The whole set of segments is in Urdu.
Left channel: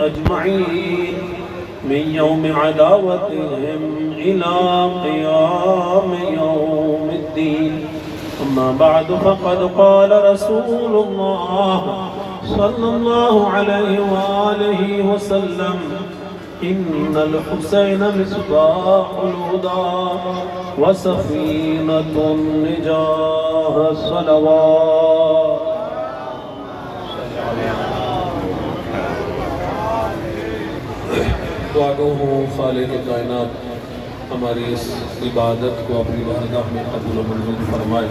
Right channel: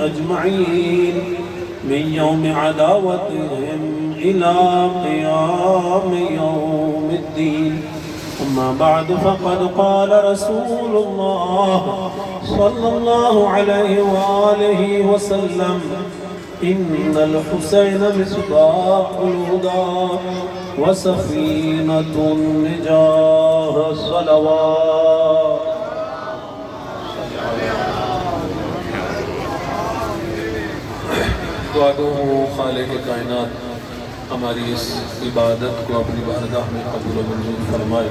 أجمعين من يوم عداوتهم إلى قيام يوم الدين. أما بعد فقد قال رسول الله صلى الله عليه وآله وسلم: إن الحسين مصباح الهدى وسفينة النجاة. الصلوات. دعا گو ہوں خالق کائنات ہماری اس عبادت کو اپنی بارگاہ میں قبول و منظور فرمائے۔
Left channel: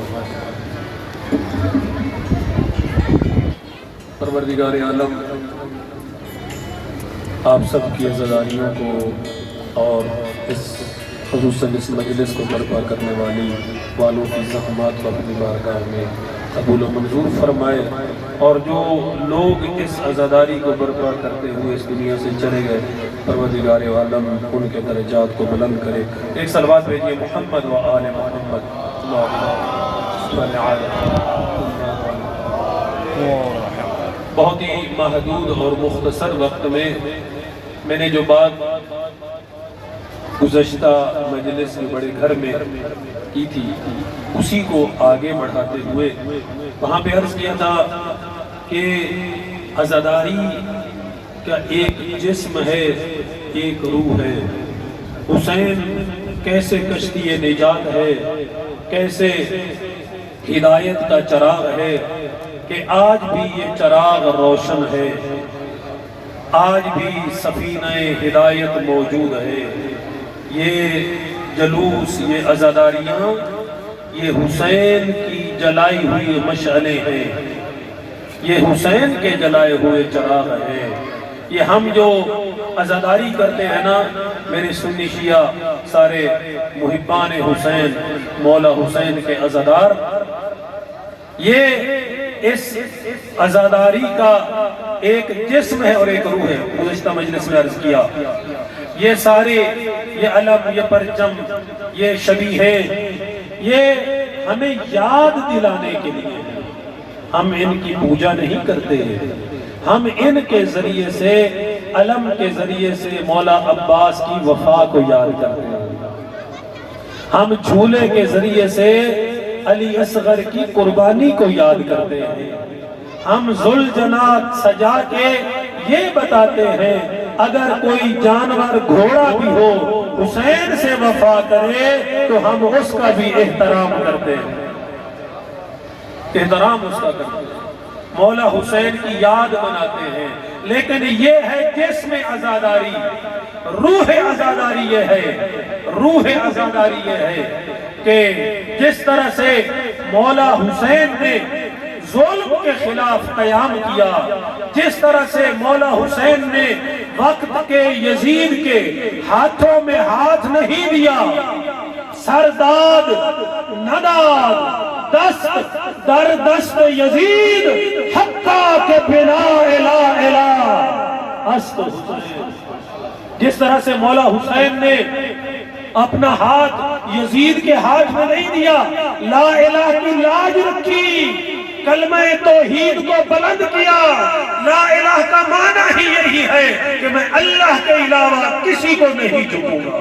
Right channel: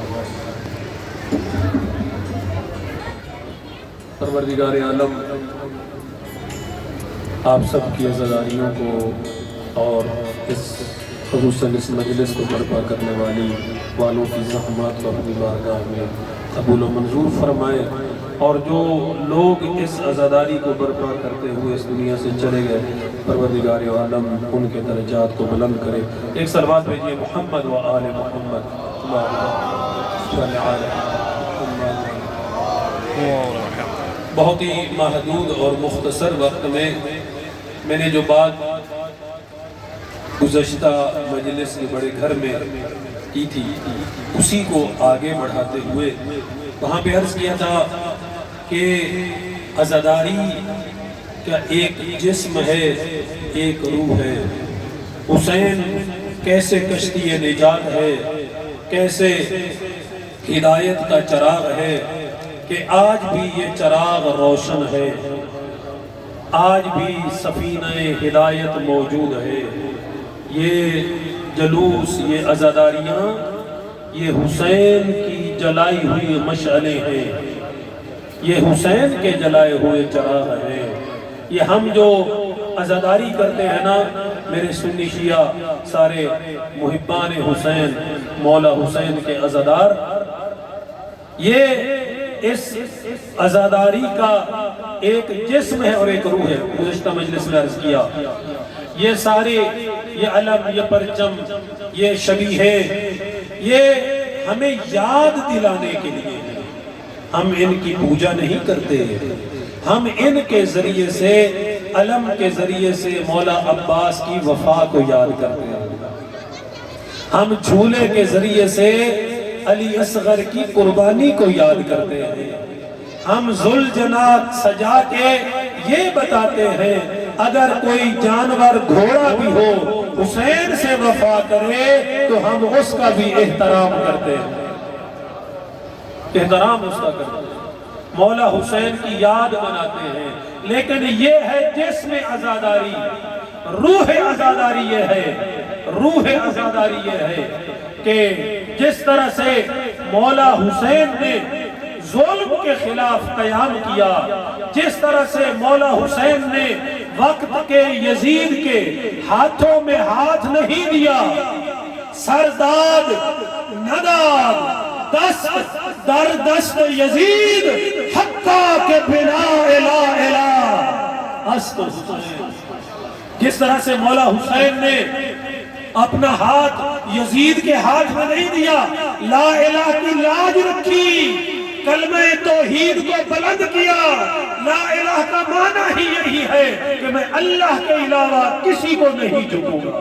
پروردگار عالم آپ سب کی عزاداریوں کو اور خصوصاً اس مجلس کو برپا کرنے والوں کی زحمات کو اپنی بارگاہ میں قبول و منظور فرمائے، اور جو لوگ اس عزاداری کو برپا کرتے ہوئے اس دنیا سے چلے گئے، پروردگار عالم ان کے درجات کو بلند کرے۔ ایک صلوات بھیجیے محمد و آل محمد۔ بہت ہی محدود اور مختصر وقت میں نے جو بات گزشتہ مجلس کے بڑے گھر میں کی تھی، اسی کو آگے بڑھاتے ہوئے وہاں پہ عرض کیا تھا کہ عزاداری کا ایک جسم ہے، ایک روح ہے۔ حسین کیسے کشتی نجات ہے، کیسے ہدایت کا چراغ ہے کہ آج بھی یہ چراغ روشن ہے، آج بھی سفینہ ہدایت موجود ہے۔ یہ جلوس، یہ عزاداریاں، یہ حسین کی جلائی ہوئی مشعلیں ہیں، یہ حسین کے جلائے ہوئے چراغ ہیں۔ یہ ہم جو عزاداری کرتے ہیں نا، میرے سنی شیعہ سارے محبان حسین، مولا حسین کے عزادار، یہ اس عزاداری کا ایک جسم ہے اور ایک روح ہے۔ گزشتہ مجلس میں عرض کیا، یہ سارے، یہ علم، یہ پرچم، یہ شبیہیں، یہ ہمیں یاد دلانے کے لیے ہیں۔ ہم ان کی پوجا نہیں کرتے، ہم ان کے ذریعے سے، علم کے ذریعے سے مولا عباس کی وفا کو یاد کرتے ہیں۔ ہم جھولے کے ذریعے سے علی اصغر کی قربانی کو یاد کرتے ہیں۔ ہم ذوالجناح سجا کے یہ بتاتے ہیں اگر کوئی جانور گھوڑا بھی ہو حسین سے وفا کرے تو ہم اس کا بھی احترام کرتے ہیں، احترام اس کا کرتے ہیں، مولا حسین کی یاد مناتے ہیں۔ لیکن یہ ہے جسم عزاداری، روح عزاداری یہ ہے، روح عزاداری یہ ہے کہ جس طرح سے مولا حسین نے ظلم کے خلاف قیام کیا، جس طرح سے مولا حسین نے وقت کے یزید کے ہاتھوں میں ہاتھ نہیں دیا، سرداد نداد دست در دست یزید حقا کے بنا الہ الہ است حسین، جس طرح سے مولا حسین نے اپنا ہاتھ یزید کے ہاتھ میں نہیں دیا، لا الہ کی لاج رکھی، کلمہ توحید کو بلند کیا۔ لا الہ کا معنی ہی یہی ہے کہ میں اللہ کے علاوہ کسی کو نہیں جھکوں گا،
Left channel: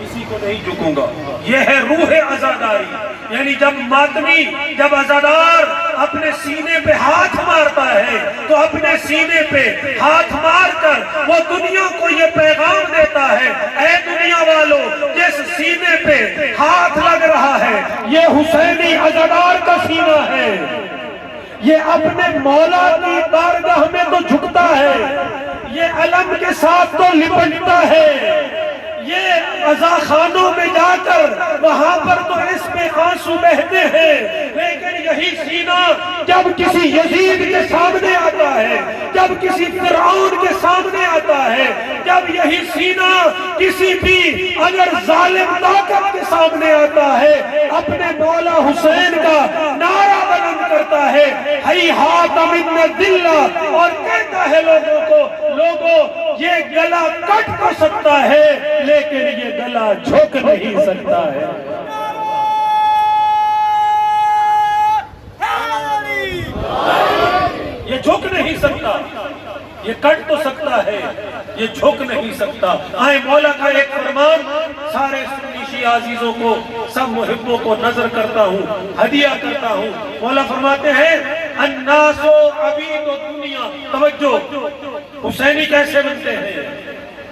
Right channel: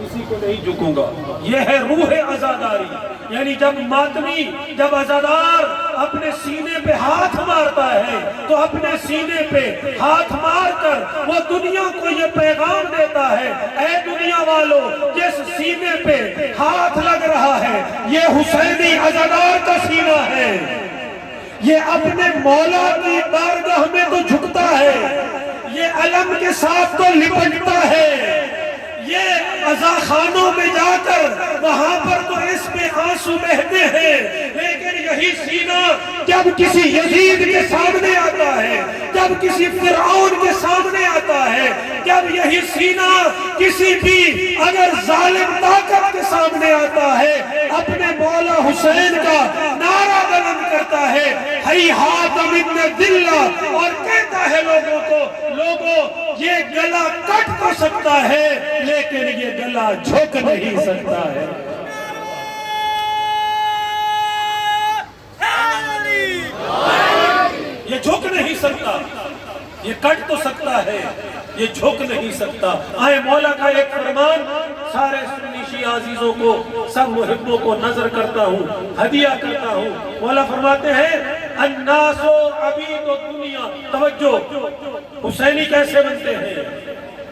کسی کو نہیں جھکوں گا۔ یہ ہے روح عزاداری، یعنی جب ماتمی، جب عزادار اپنے سینے پہ ہاتھ مارتا ہے تو اپنے سینے پہ ہاتھ مار کر وہ دنیا کو یہ پیغام دیتا ہے، اے دنیا والو، جس سینے پہ ہاتھ لگ رہا ہے یہ حسینی عزادار کا سینہ ہے، یہ اپنے مولا کی بارگاہ میں تو جھکتا ہے، یہ علم کے ساتھ تو لپٹتا ہے، یہ عزاخانوں میں جا کر وہاں پر تو اس پہ آنسو بہتے ہیں، لیکن یہی سینہ جب کسی یزید کے سامنے آتا ہے، جب کسی فرعون کے سامنے آتا ہے، جب یہی سینہ کسی بھی اگر ظالم طاقت کے سامنے آتا ہے، اپنے مولا حسین کا نعرہ بلند کرتا ہے، ہیہات من دلہ، اور کہتا ہے لوگوں کو، لوگوں یہ گلا کٹ تو سکتا ہے لیکن یہ گلا جھک نہیں سکتا ہے۔ یہ جھک نہیں سکتا، یہ کٹ تو سکتا ہے، یہ جھک نہیں سکتا۔ آئے مولا کا ایک فرمان سارے سنی شیعہ عزیزوں کو، سب محبوں کو نظر کرتا ہوں، ہدیہ کرتا ہوں۔ مولا فرماتے ہیں الناس عبید الدنیا۔ توجہ، حسینی کیسے بنتے ہیں؟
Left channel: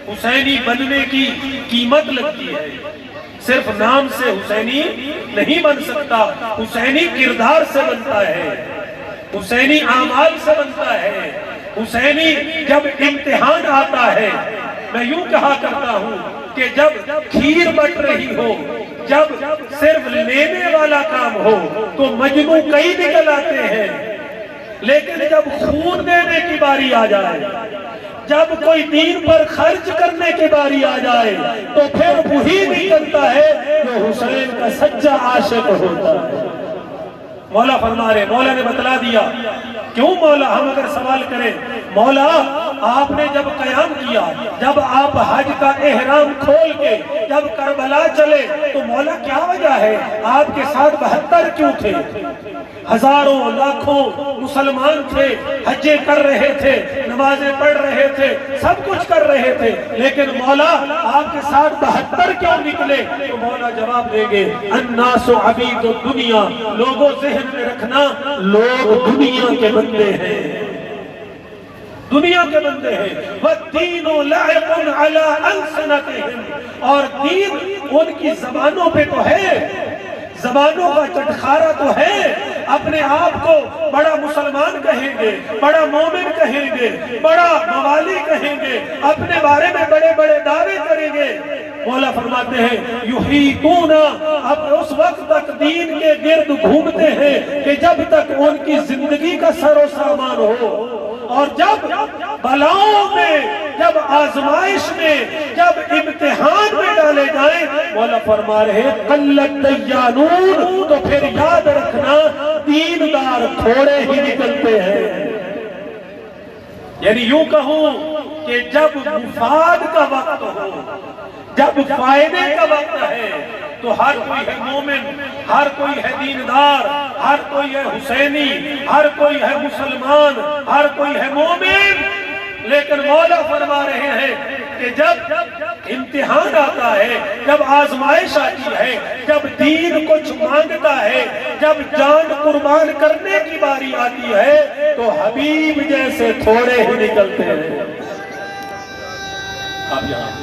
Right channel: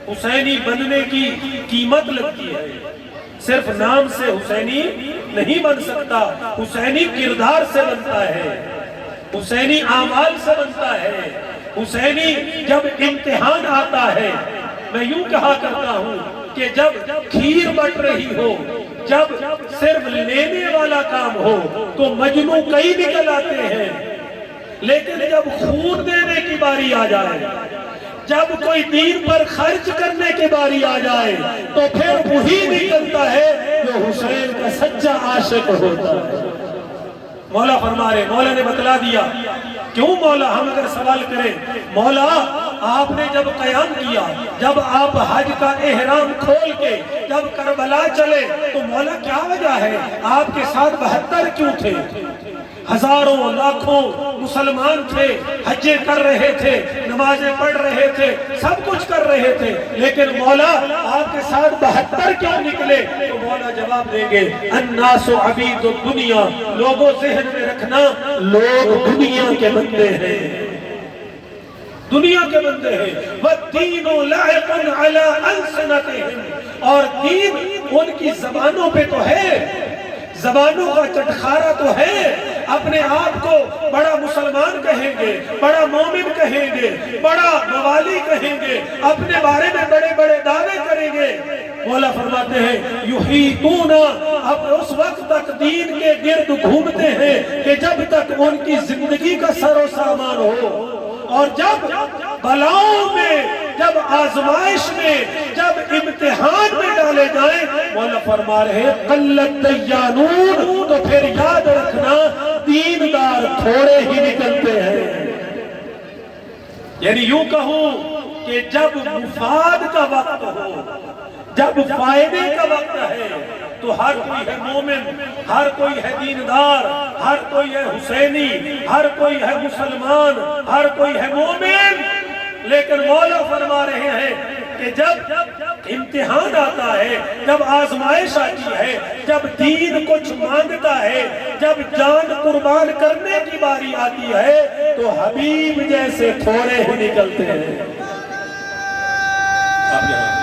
حسینی بننے کی قیمت لگتی ہے، صرف نام سے حسینی نہیں بن سکتا، حسینی کردار سے بنتا ہے، حسینی اعمال سے بنتا ہے۔ حسینی جب امتحان آتا ہے، میں یوں کہا کرتا ہوں کہ جب کھیر بٹ رہی ہو، جب صرف لینے والا کام ہو تو مجموع کئی نکل آتے ہیں، لیکن جب خون دینے کی باری آ جائے، جب کوئی دین پر خرچ کرنے کی باری آ جائے تو پھر وہی نکلتا ہے جو حسین کا سچا عاشق ہوتا ہے۔ مولا فرما رہے، مولا نے بتلا دیا۔ کیوں مولا؟ ہم اگر سوال کریں، مولا آپ نے جب قیام کیا، جب آپ حج کا احرام کھول کے جب کربلا چلے تو مولا کیا وجہ ہے؟ آپ کے ساتھ 72 کیوں تھے؟ ہزاروں لاکھوں مسلمان تھے، حجیں کر رہے تھے، نمازیں پڑھ رہے تھے، سب کچھ کر رہے تھے، لیکن مولا آپ کے ساتھ 72 کیوں نکلے؟ تو مولا جواب دیں گے الناس عبید الدنیا۔ لوگوں ذہن میں رکھنا، لوگ دنیا کے بندے ہیں، دنیا کے بندے ہیں۔ وَالدِّينُ لَعِقٌ عَلَىٰ أَلْسِنَتِهِمْ، اور دین ان کی زبانوں پہ تو ہے، زبانوں کا چٹخارا تو ہے، اپنے آپ کو بڑا مسلمان کہیں گے، بڑا مومن کہیں گے، بڑا موالی کہیں گے، اپنے بارے میں بڑے بڑے دعوے کریں گے۔ مولا فرماتے ہیں یحیطون، اب اس وقت تک دین کے گرد گھومتے ہیں کہ جب تک ان کی زندگی کا سر و سامان ہو، اور جب بلاؤں میں، جب آزمائش میں، جب امتحان میں ڈالے جائیں، مولا فرما رہے قلت دیانون، تو پھر یاد رکھنا دیندار تھوڑے ہی نکلتے ہیں۔ یعنی یوں کہوں کہ جب مفاد کا وقت ہو، جب فائدے کا وقت ہے تو ہر کوئی ہے مومن، ہر کوئی ہے دیندار، ہر کوئی ہے حسینی، ہر کوئی ہے مسلمان، ہر کوئی ہے مومن۔ لیکن مولا فرما رہے ہیں کہ جب امتحان آتا ہے، جب آزمائش آتی ہے، جب دین کچھ مانگتا ہے، جب جان قربان کرنے کی باری آتی ہے تو حبیب جیسے تھوڑے ہی نکلتے ہیں۔ آپ یہاں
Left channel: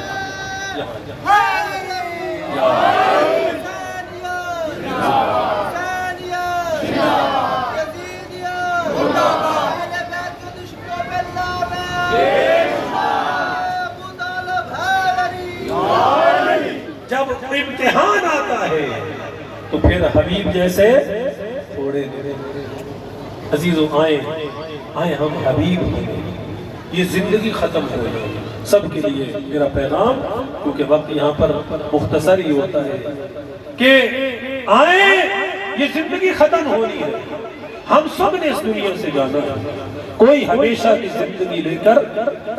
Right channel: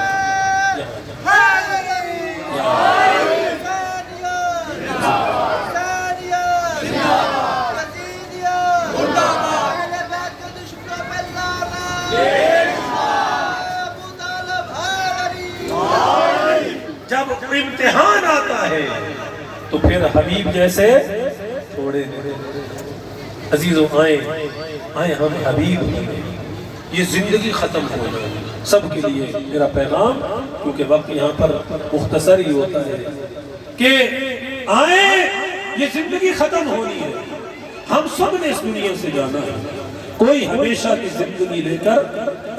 جب امتحان آتا ہے تو پھر حبیب جیسے تھوڑے۔ عزیزوں آئیں ہم حبیب، یہ زندگی ختم ہو جائے سب کے لیے میرا پیغام، کیونکہ وقت یہاں پر مختصر ہی ہوتا ہے کہ آئیں، یہ زندگی ختم ہونی ہے، ہم سب نے اس دنیا سے جانا ہے، کوئی ہمیشہ کی زندگی لے کر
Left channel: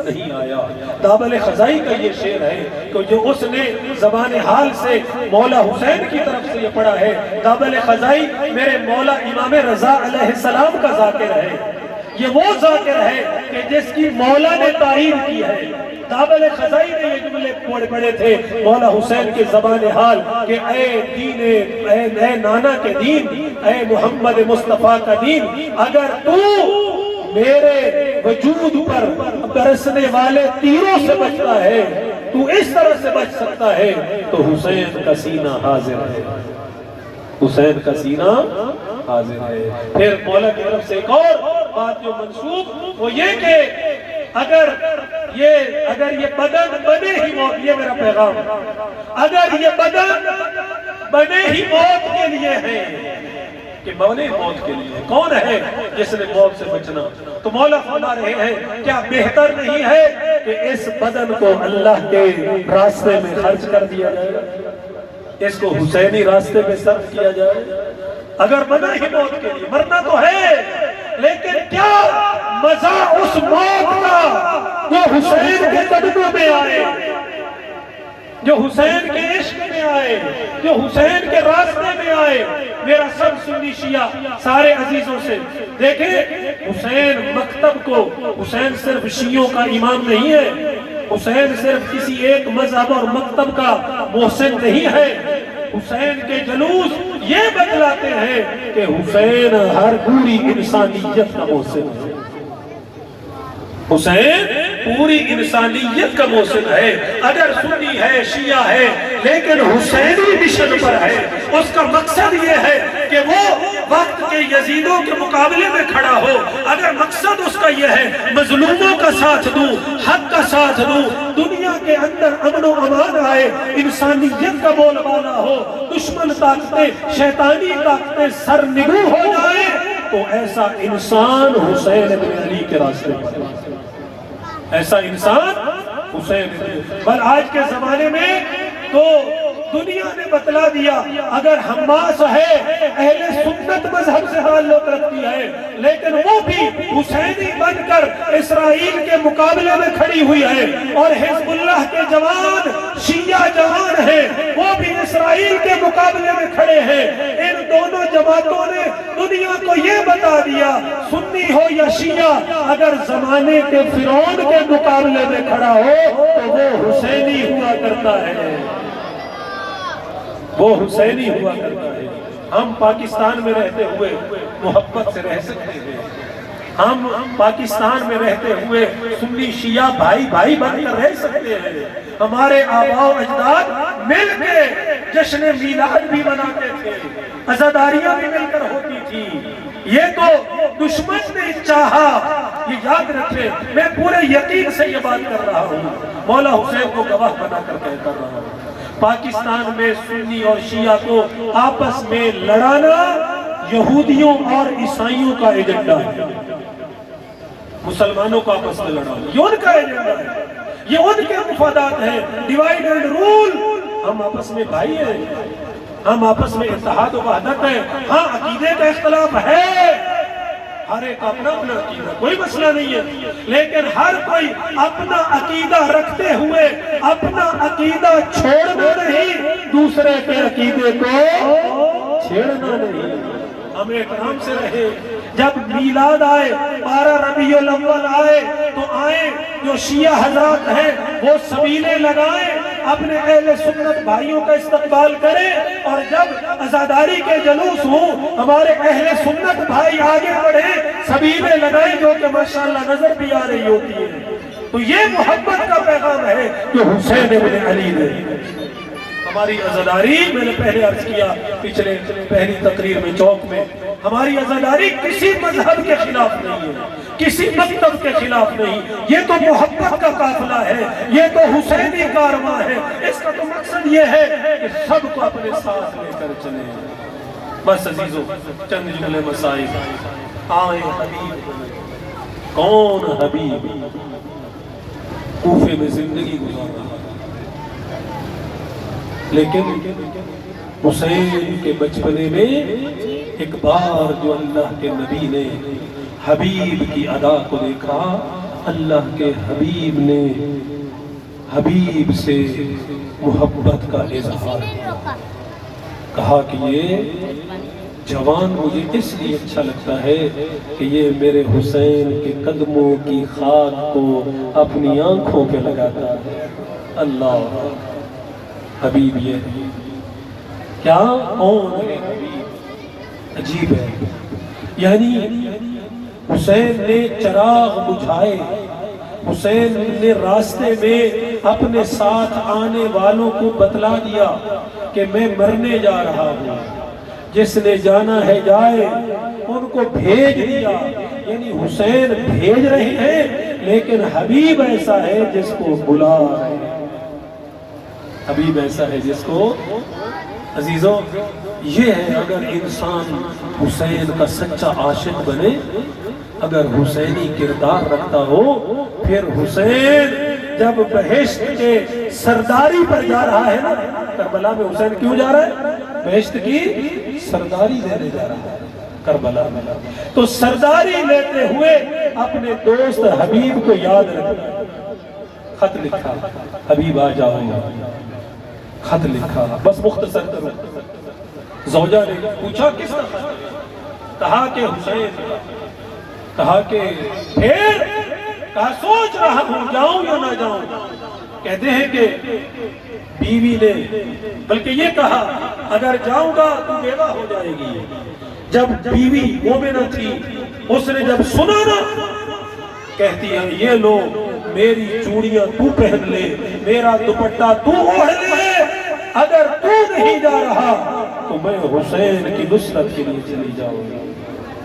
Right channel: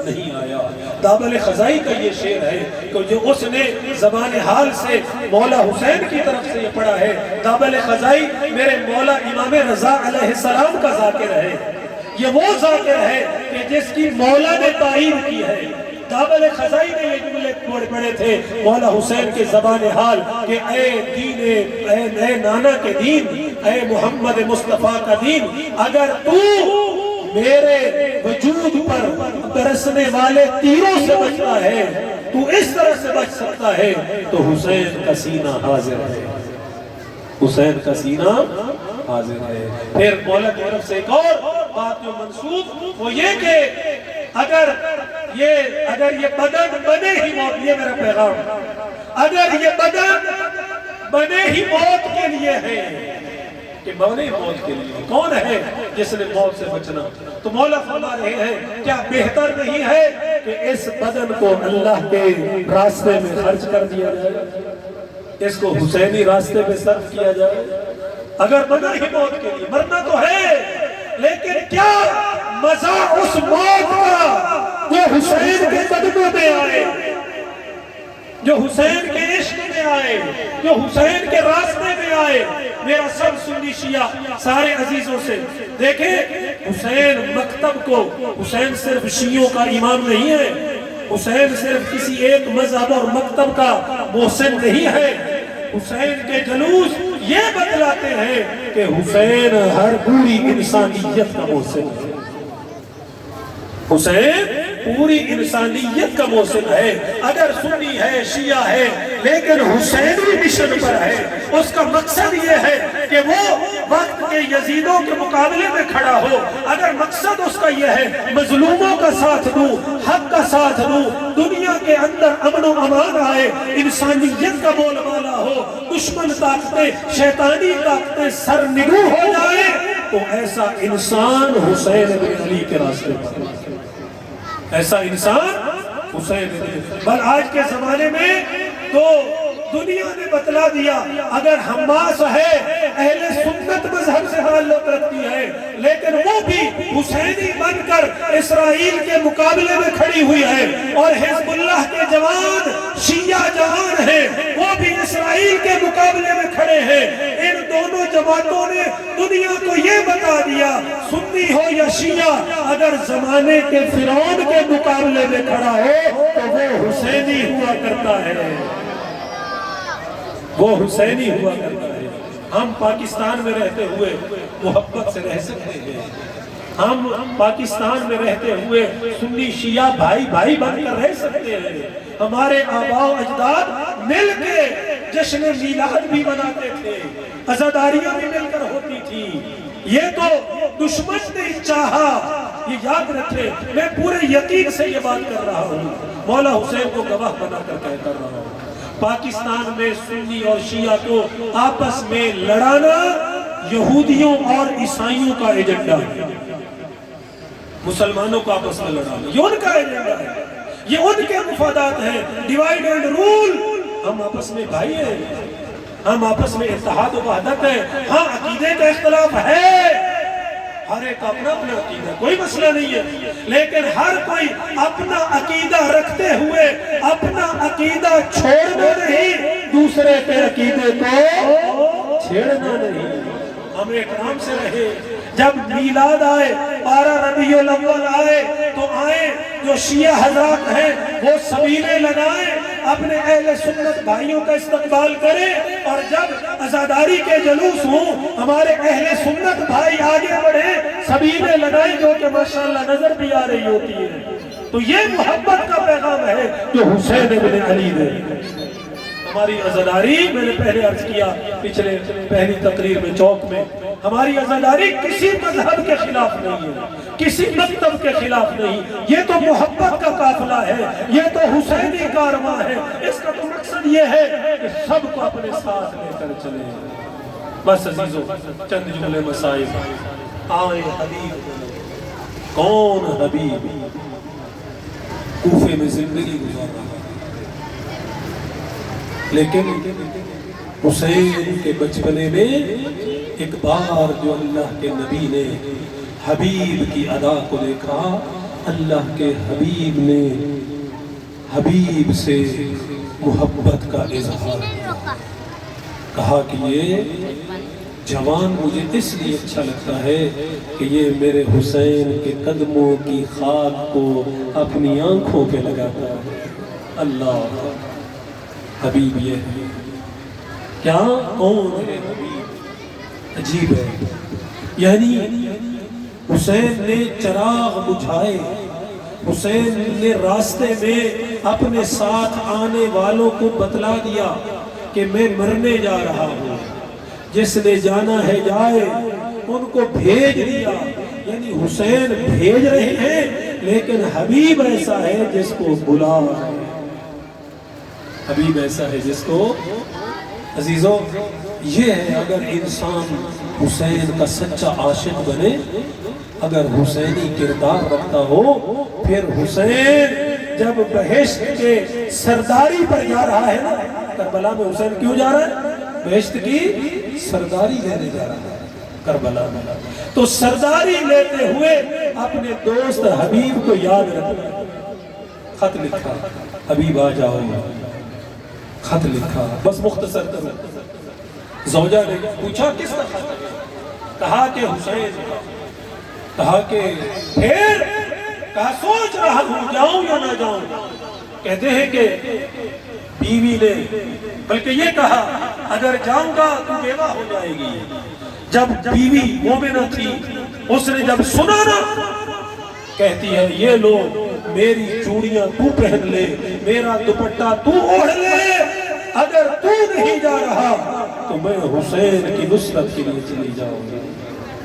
نہیں آیا۔ دابل خزائی کا یہ شعر ہے کہ جو اس نے زبان حال سے مولا حسین کی طرف سے یہ پڑھا ہے، دابل خزائی میرے مولا امام رضا علیہ السلام کا ذاکر ہے، یہ وہ ذاکر ہے کہ جس کی مولا نے تعین کی ہے۔ دابل خزائی نے یہ جملے پڑھے تھے مولا حسین کے زبان حال کہ اے دین، اے نانا کے دین، اے محمد مصطفیٰ کا دین، اگر تو میرے وجود پر برسنے والے تیروں سے بچتا ہے، تو اس طرح سے بچ سکتا ہے، تو حسین کا سینہ حاضر ہے، حسین کا سینہ حاضر ہے۔ پھر مولا کی طرف سے ایک اور بات جو منسوخ وہ یہ کہ اگر یہ بدن بنے ہی موت، یہ میرا پیغام، اگر یہ بدن بنے ہی موت کے لیے ہے، کہ بنے موت کے لیے، کون ہے جس نے موت سے بچنا؟ تو مولا فرما رہے ہیں کیا بہتر نہیں ہے کہ اس بدن کو اللہ کے راستے میں خرچ کر دیا جائے، اس کو حسینی راستے میں صرف کیا جائے؟ اگر بنا ہی موت کے لیے، مرنا تو ہے، لیکن کیا مزہ اس موت کا جو حسین کے قدموں میں آئے، جو حسین کے عشق میں آئے، جو حسین کے راستے میں آئے، میرا سب سنی شیعہ سارے عزیزوں سے دیکھیں حسین مکتب کو، حسین صرف شیعوں کا امام نہیں ہے، حسین صرف کسی ایک مذہب اور مکتب کا محسن نہیں ہے، حسین کے جلوس یہ بتلاتے ہیں کہ حسین ہر پوری انسانیت کا محسن ہے، حسین پوری انسانیت کا محسن ہے۔ اگر سنی ہے شیعہ ہے لیکن حسینی مشن پر ہے، اس کا مقصد یہ ہے کہ وہ وقت کے یزیدوں کے مقابلے میں کھڑا ہو، اگر مقصد اس کا یہ ہے مظلوموں کا ساتھ دوں، حق کا ساتھ دوں، دنیا کے اندر امن و امان آئے، انسانیت کا بول بالا ہو، دشمن طاقتیں شیطانی طاقتیں سرنگو ہو جائے، تو ایسا انسان حسین بن علی کے راستے پر، ایسا انسان حسین بل آج کے زمانے میں تو دنیا نے بتلا دیا اگر حماس ہے اہل سنت مذہب سے تعلق رکھتی ہے، لیکن وہ بھی حسینی بن کر اسرائیل کے مقابلے میں کھڑی ہوئی ہے، اور حزب اللہ کے جوان شیعہ جوان ہیں وہ بھی اسرائیل کے مقابلے میں کھڑے ہیں۔ ان دونوں جماعتوں نے دنیا کو یہ بتا دیا سنی ہو یا شیعہ اگر زمانے کے فرعون کے مقابلے میں کھڑا ہو تو وہ حسینی ہوا کرتا ہے، وہ حسینی ہوا کرتا ہے۔ ہم پاکستان میں رہتے ہوئے محبت سے رہ سکتے ہیں، ہم پاکستان میں رہتے ہوئے سنی شیعہ بھائی بھائی بن کر رہ سکتے ہیں، ہمارے آباء و اجداد مل کے جشن میلاد بھی مناتے تھے، عزاداریاں بھی مل کر ہوتی تھی۔ یہ تو دشمن نے چاہا، یہ یاد رکھے، میں پورے یقین سے یہ بات کر رہا ہوں، مولا حسین کو گواہ بنا کر کہہ رہا ہوں، پاکستان میں سنی اور شیعہ کو آپس میں لڑانا یہودیوں اور عیسائیوں کا ایجنڈا ہے، مسلمانوں کو آپس میں لڑانا یہ ان کا ایجنڈا ہے، یہ ان کے مفادات ہیں، ڈیوائیڈ اینڈ رول۔ ہم آپس میں بھائی ہیں، ہم آپس میں اتحاد و وحدت ہے، ہاں عقیدے کا اختلاف ہے، ہر ایک اپنا اپنا عقیدہ، کوئی مسئلہ نہیں ہے، لیکن ہر کوئی اپنا عقیدہ رکھتے ہوئے اپنا عقیدہ چھوڑنا نہیں، دوسرے کے عقیدے کو چھیڑنا نہیں، ہم اکرام سے رہے۔ جب میلاد آئے، 12 ربیع الاول آئے تو آئے جو شیعہ حضرات ہیں وہ سبیلے لگائیں، اپنے اہل سنت بھائیوں کا استقبال کریں، اور جب عزاداری کے جلوس ہوں ہمارے اہل سنت بھائی آگے بڑھیں، سبیلے لگائیں جو کہ ماشاءاللہ نظر بھی آ رہی ہوتی ہے۔ تو یہ محبت کا پیغام ہے جو حسین بن علی نے ہماری عزاداری، میں نے پہلے عرض کیا پچھلے پہلی تقریر میں چوک میں، ہماری عزاداری کسی مذہب کے خلاف نہیں ہے، کسی مکتب کے خلاف نہیں، یہ تو محبت کا قافلہ ہے، یہ تو حسینی کارواں ہے، اس کا تو مقصد یہ ہے کہ سب کو اپنے ساتھ لے کر چلیں۔ بس عزیزو چند جملے مسائل، آئے حبیب، کون حبیب کوفے میں زندگی گزارا، لیکن حسین کے بچپنے میں ایک بار جو اللہ کے نبی نے حبیب کی ادا کو دیکھا، اللہ کے حبیب نے حبیب سے محبت کا اظہار کیا، کہا کہ یہ جوان مجھے اس لیے اچھا لگتا ہے کہ یہ میرے حسین کے قدموں کی خاک کو اپنی آنکھوں پہ لگاتا ہے۔ اللہ حبیب یہ ہے کیا، کون ہے حبیب، عجیب ہے، یعنی حسین نے چراغ بجھائے، حسین نے راستے میں اپنے ساتھ آنے والوں کو بتلا دیا کہ میں مرنے جا رہا ہوں، جس نے جانا ہے جائے، ان کو بھیج دیا، یعنی حسین بھیج رہے ہیں لیکن حبیب ایسا ہے جس کو بلا رہے ہیں، حبیب ایسا ہے جس کو، عزیزوں یہ ہے اگر انسان حسین کا سچا عاشق بنے، اگر حسینی کردار رکھتا ہو، پھر حسین جب بہشت کے سرداری پر جا رہا ہے نا، کربلا میں حسین کیوں جا رہا ہے؟ بہشت کی سرداری لینے جا رہا ہے کربلا میں، تو سرداری لیتے ہوئے اپنے دوست حبیب کو یاد رکھا، خط لکھا، حبیب آ جاؤ، خط لکھا، بس مختصر کرو، زوجہ نے پوچھا کس کا؟ کہا کہ حسین کا۔ کہا کہ پھر؟ کہا سوچ رہا ہوں جاؤں یا نہ جاؤں۔ کہتے ہیں کہ بیوی نے بلکہ یہ کہا اگر جاؤں گا تو بیوہ ہو جائے گی۔ جب بیوی مومنہ تھی اس نے جب سنا نا، کہتی ہے یہ لو میری چوڑیاں تو پہن لے، میرا دوپٹہ تو اوڑھ لے، اگر تو نہیں جا رہا تو میں حسین کی نصرت کے لیے چلی جاؤں گی۔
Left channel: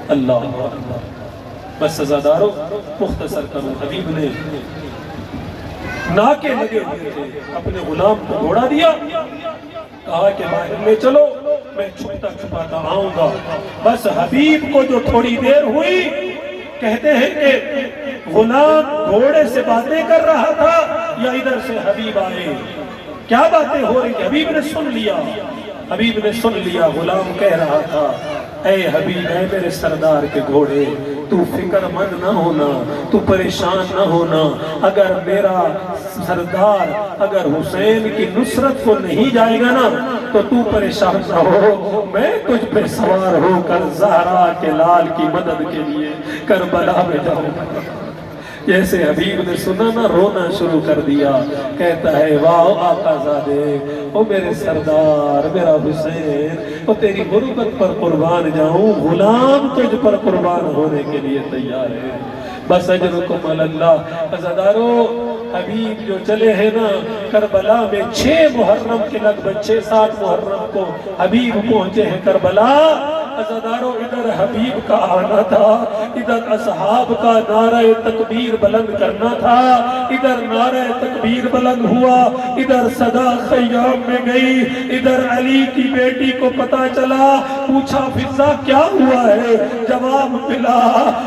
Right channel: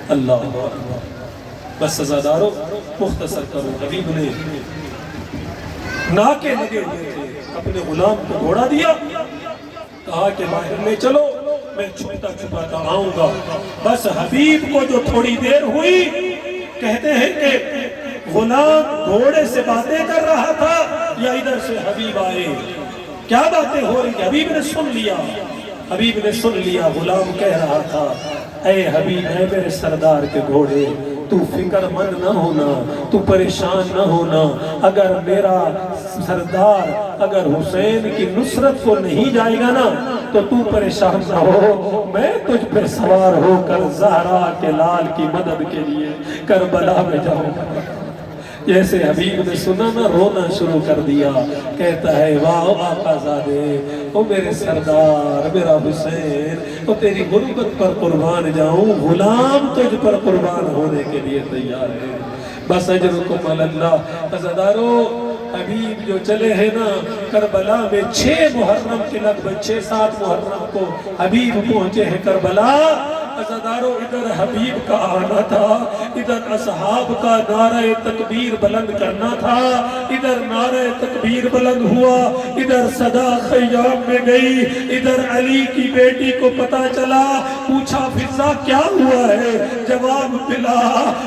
اللہ اکبر۔ بس عزادارو مختصر کروں، حبیب نے ناکے لگے ہوئے تھے، اپنے غلام کو گھوڑا دیا، کہا کہ باہر میں چلو میں چھپتا چھپاتا آؤں گا۔ بس حبیب کو جو تھوڑی دیر ہوئی، کہتے ہیں کہ غلام گھوڑے سے باتیں کر رہا تھا یا ادھر سے حبیب آئے، کیا باتیں ہو رہی؟ حبیب نے سن لیا، حبیب نے سن لیا۔ غلام کہہ رہا تھا اے حبیب اے میرے سردار کے گھوڑے، تو فکر مند نہ ہونا، تو پریشان نہ ہونا، اگر میرا سردار اگر حسین کی نصرت کو نہیں جائے گا نا تو تو پریشان نہ ہو، میں تجھ پہ سوار ہو کر زہرا کے لال کی مدد کے لیے کربلا میں جاؤں گا۔ جیسے حبیب نے سنا نا رونا شروع کر دیا، کہتا ہے واہ آقا زادے، او میرے سردار میرا حسین، او تیری غربت پر قربان جاؤں، غلام تجھ پر قربان ہونے کے لیے تیار ہے۔ بس اجرکم اللہ۔ عزادارو حبیب جو چلے ہیں نا کربلا میں 6 محرم کے لگ بھگ 6-7 محرم کو حبیب پہنچے ہیں کربلا۔ عزادارو ادھر حبیب کا آنا تھا، ادھر اصحاب کا نعرہ تکبیر بلند کرنا تھا، ادھر نعرہ تکبیر بلند ہوا، ادھر صدا خیام میں گئی، ادھر علی کی بیٹی کو پتا چلا، پوچھا فضا کیا ہوا ہے؟ جواب ملا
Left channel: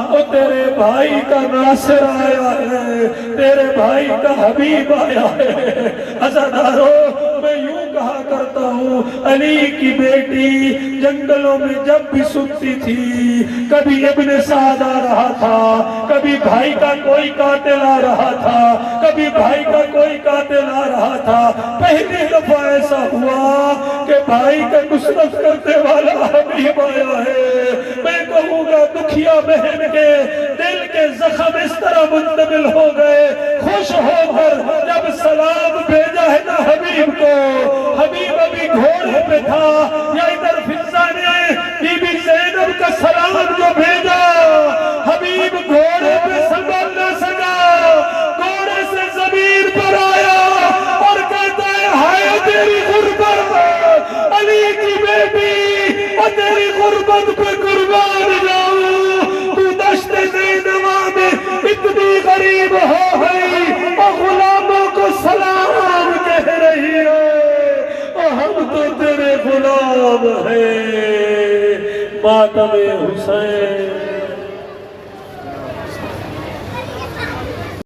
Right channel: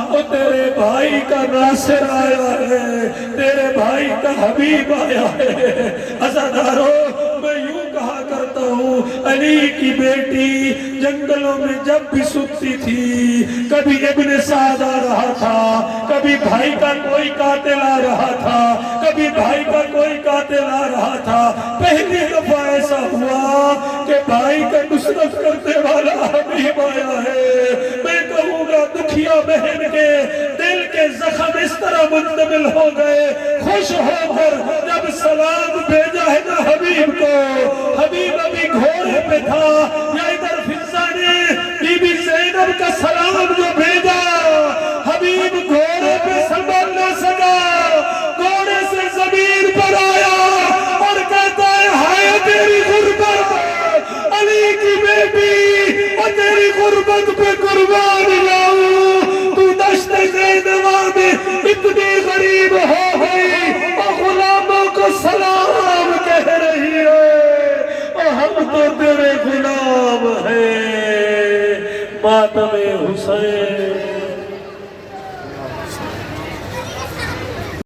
او تیرے بھائی کا ناصر آیا ہے، تیرے بھائی کا حبیب آیا ہے۔ عزادارو میں یوں کہا کرتا ہوں علی کی بیٹی جنگلوں میں جب بھی سنتی تھی، کبھی ابن سعد آ رہا تھا، کبھی بھائی کا کوئی قاتل آ رہا تھا، کبھی بھائی کا کوئی قاتل آ رہا تھا۔ پہلی دفعہ ایسا ہوا کہ بھائی کا نصرت کرنے والا حبیب آیا ہے۔ میں کہوں گا دکھیا بہن کے دل کے زخم اس طرح منتقل ہو گئے، خوش ہو کر جب سلام بھیجا ہے نا حبیب کو، حبیب ابھی گھوڑے پہ تھا، یا ادھر فضا نے بی بی زینب کا سلام جو بھیجا، حبیب گھوڑے پہ سنبھل نہ سکا، گھوڑے سے زمین پر آیا اور کہتا ہے ہائے تیری غربت علی کی بیٹی، اور تیری غربت پہ قربان جاؤں، تو دشت زینوا میں اتنی غریب ہو گئی اور غلاموں کو سلام کہہ رہی ہے، اور ہم تو تیرے غلام ہیں۔ ماتم حسین